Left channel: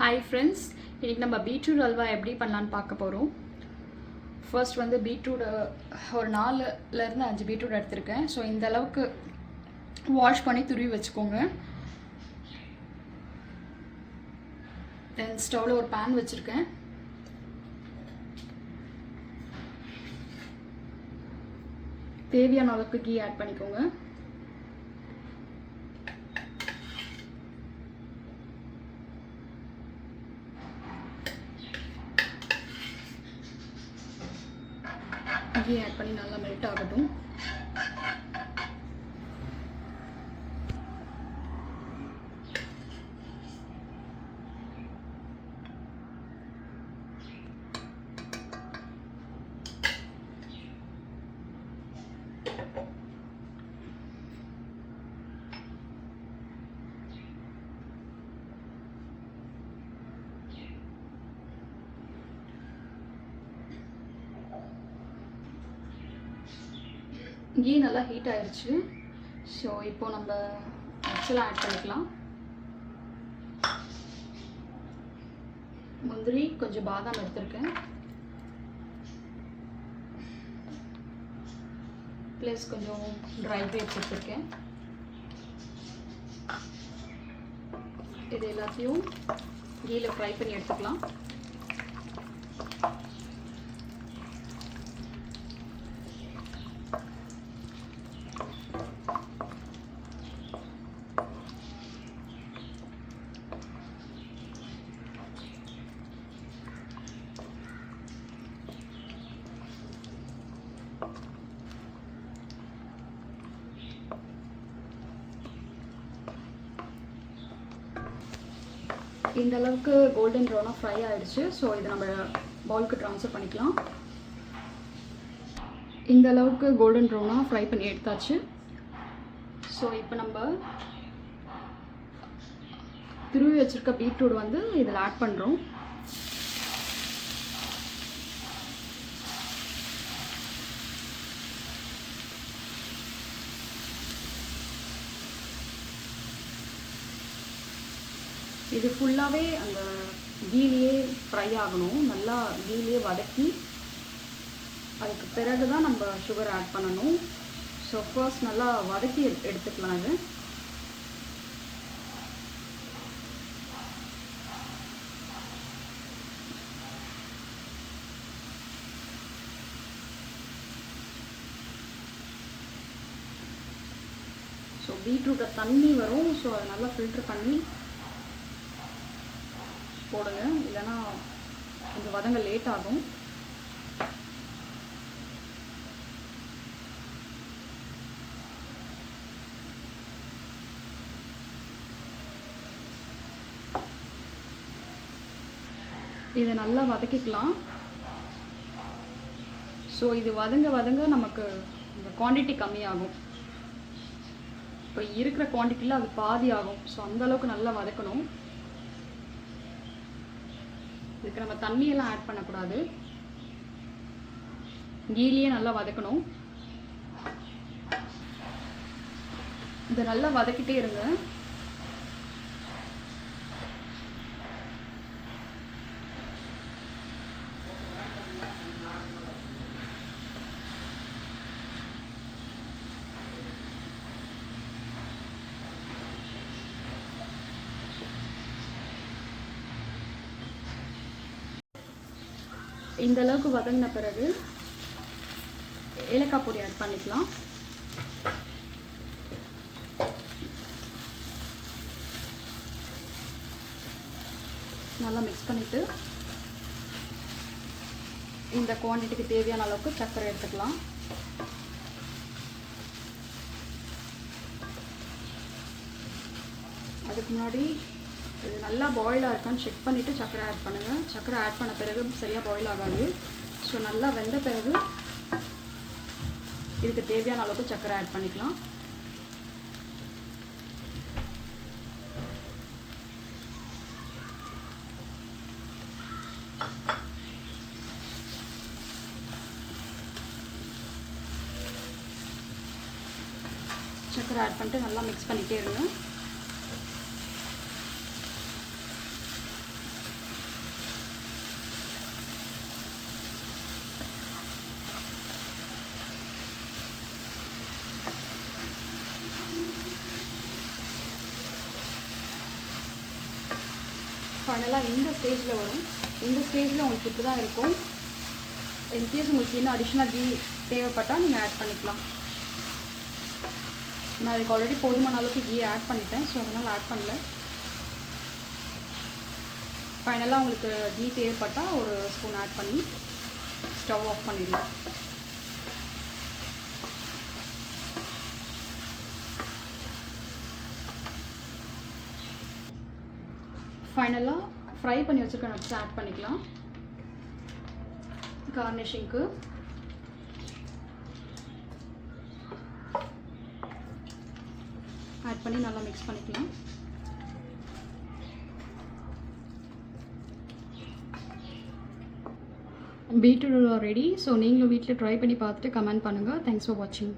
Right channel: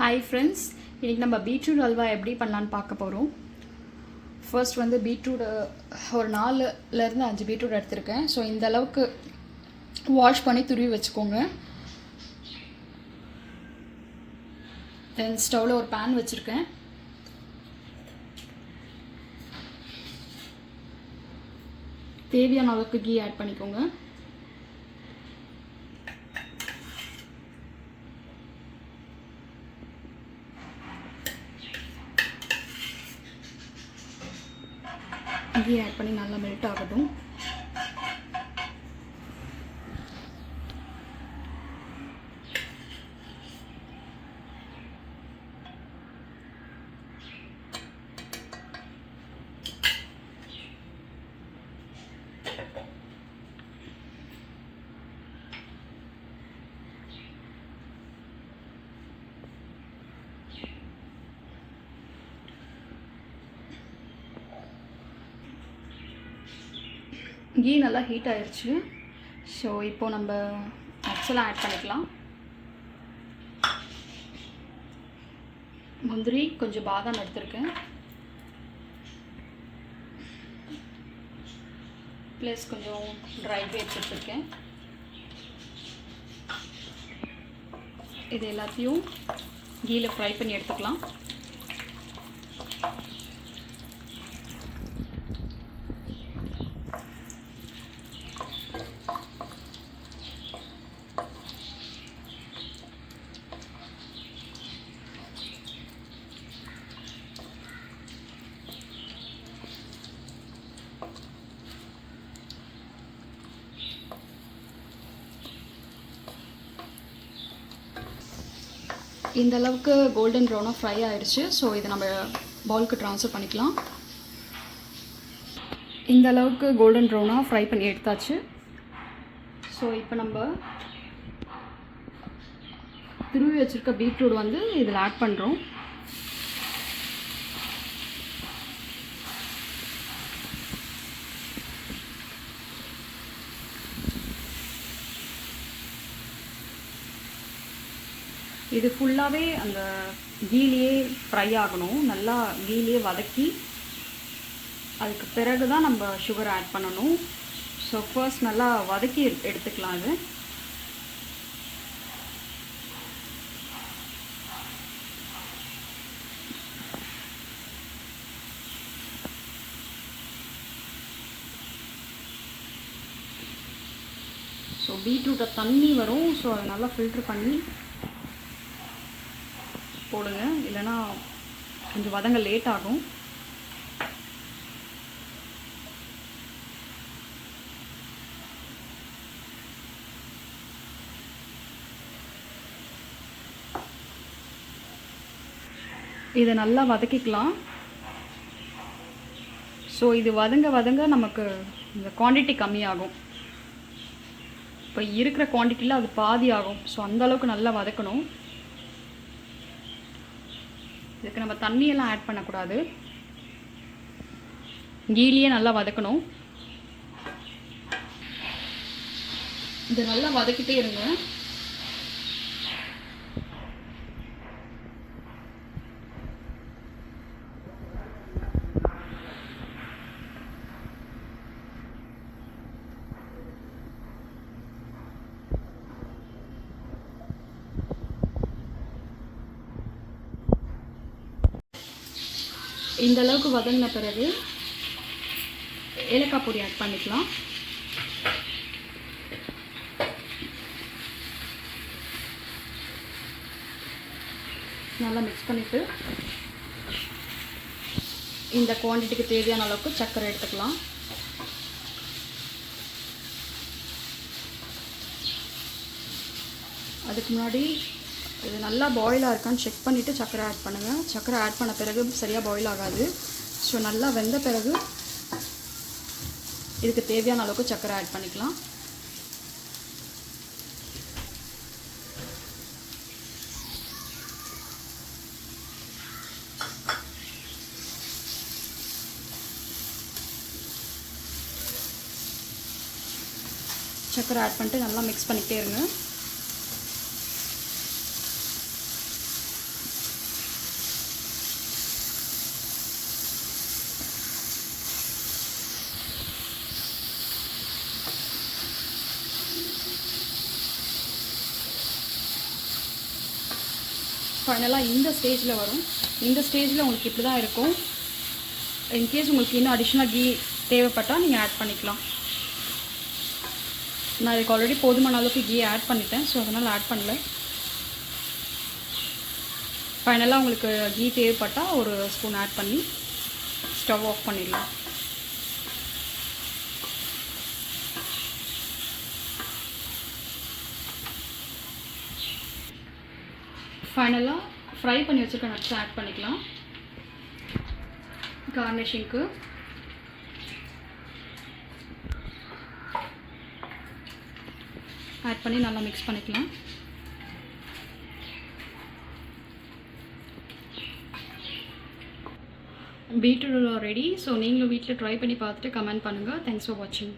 Hi friends, இன்றைக்கி நம்ம பீட்ரூட் அல்வா எப்படி பண்ணலான்னு பார்க்க போகிறோம். ஃபர்ஸ்ட் வந்து பீட்ரூட் ஒரு 4லேருந்து 5 பீட்ரூட் எடுத்திருக்கேன். ஸோ இந்த அளவுக்கு வாஷ் பண்ணி துருவி வச்சுக்கோங்க. தென் ஸ்டவ்வில் ஒரு பேன் வச்சுருக்கேன். தேவையான அளவுக்கு கீ ஆட் பண்ணிக்கோங்க. கீ ஆட் பண்ணி நல்லா மெல்ட் ஆகட்டும். கீ நல்லா ஹீட் ஆயிடுச்சு. ஸோ இப்போது நம்ம நட்ஸ்லாம் ஆட் பண்ணிக்கலாம். முந்திரி, கொஞ்சம் பாதாம் எடுத்துருக்கேன். ப்ளஸ் கொஞ்சம் ட்ரை கிரேப்ஸ் எடுத்துருக்கேன். இது எல்லாத்தையும் கீயில் ஃப்ரை பண்ணி எடுத்துக்கலாம். இந்த அளவுக்கு கோல்டன் ப்ரௌனாக ஃப்ரை ஆகிடுச்சு. ஸோ இதை நம்ம பவுலுக்கு ட்ரான்ஸ்ஃபர் பண்ணிக்கலாம். இந்த அளவுக்கு கோல்டன் ப்ரௌனாக ஃப்ரை பண்ணி எடுத்தாச்சு. ஸோ இப்போ நம்ம துருவி வச்சுருக்க பீட்ரூட் வந்து இதில் ஆட் பண்ணுறோம். இது ஃபுல்லாகவே அந்த கீலியே ஃப்ரை ஆகணும். நல்லா கீலியே வதக்கி அதுக்கு பிறகு தான் நம்ம சுகர் ஆட் பண்ணணும். ஸோ ஃபர்ஸ்ட் நல்லா வதக்கி எடுத்துக்கலாம். இது ஸோ பீட்ரூட்டை தண்ணி வரும். ஸோ அதை நல்லா ஃபில்ட்ரு பண்ணி போடுங்க, இல்லைன்னா கொஞ்சம் வதங்க லேட் ஆகும். இதை நல்லா வதக்கிக்கலாம். ஸோ இது வதங்க வதங்க நமக்கு இந்த குவான்டிட்டி கம்மியாகும். இப்போ இருக்கிற குவான்டிட்டியில் அது பாதி ஆகும். ஸோ அந்தளவுக்கு நல்லா வதக்கணும். இதுக்கு நம்ம தண்ணியெல்லாம் ஆட் பண்ணக்கூடாது. கீலியே நல்லா வதக்கணும். இதை நல்லா வதக்கிட்டே இருங்க. இந்த அளவுக்கு வதங்கின பிறகு ஏலக்காய் பொடி ஆட் பண்ணிக்கலாம். நல்லா மிக்ஸ் பண்ணிவிட்டு இந்த குவான்டிட்டிக்கு தேவையான அளவுக்கு சர்க்கரை எடுத்துக்கலாம். அதுக்கு முன்னாடி இது நல்லா பாயில் இருக்கான்னு செக் பண்ணிவிட்டு சர்க்கரை ஆட் பண்ணுங்கள். சர்க்கரை ஆட் பண்ண பிறகு சரியாக பாயில் ஆகாது. ஸோ நல்லா வெந்த பிறகு இதுக்கு தேவையான அளவுக்கு சர்க்கரை ஆட் பண்ணிக்கலாம். சர்க்கரை ஆட் பண்ணிட்டு நல்லா மிக்ஸ் பண்ணிகிட்டே இருங்க. ஃபைனலாக இந்த ஸ்டேஜில் வரும். இந்த ஸ்டேஜில் உங்களுக்கு இப்படி தான் இருக்கும். இன்கேஸ் உங்களுக்கு இன்னும் அடிஷ்னலாக கீ தேவைப்பட்டால் நீங்கள் ஆட் பண்ணிக்கலாம். நான் இதுக்கு ஆல்ரெடி போதுமான அளவுக்கு கீ ஆட் பண்ணிட்டேன், ஸோ அதனால் ஆட் பண்ணல. ஃபைனலாக உங்களுக்கு கீ தேவைப்பட்டால் ஒரு ஸ்பூன் ஆட் பண்ணி ஸ்டவ் ஆஃப் பண்ணிடலாம். ஃபைனலாக ஃப்ரை பண்ணி வச்சுருக்க நட்ஸ் ஆட் பண்ணிக்கலாம். கார்னிஷிங்க்கு ஆட் பண்ணி நல்லா மிக்ஸ் பண்ணிக்கலாம். Beetroot ready. ஸோ நீங்களும் வீட்டில் ட்ரை பண்ணி பார்த்துட்டு கமெண்ட் பண்ணுங்கள். தேங்க்ஸ் ஃபார் வாட்சிங்.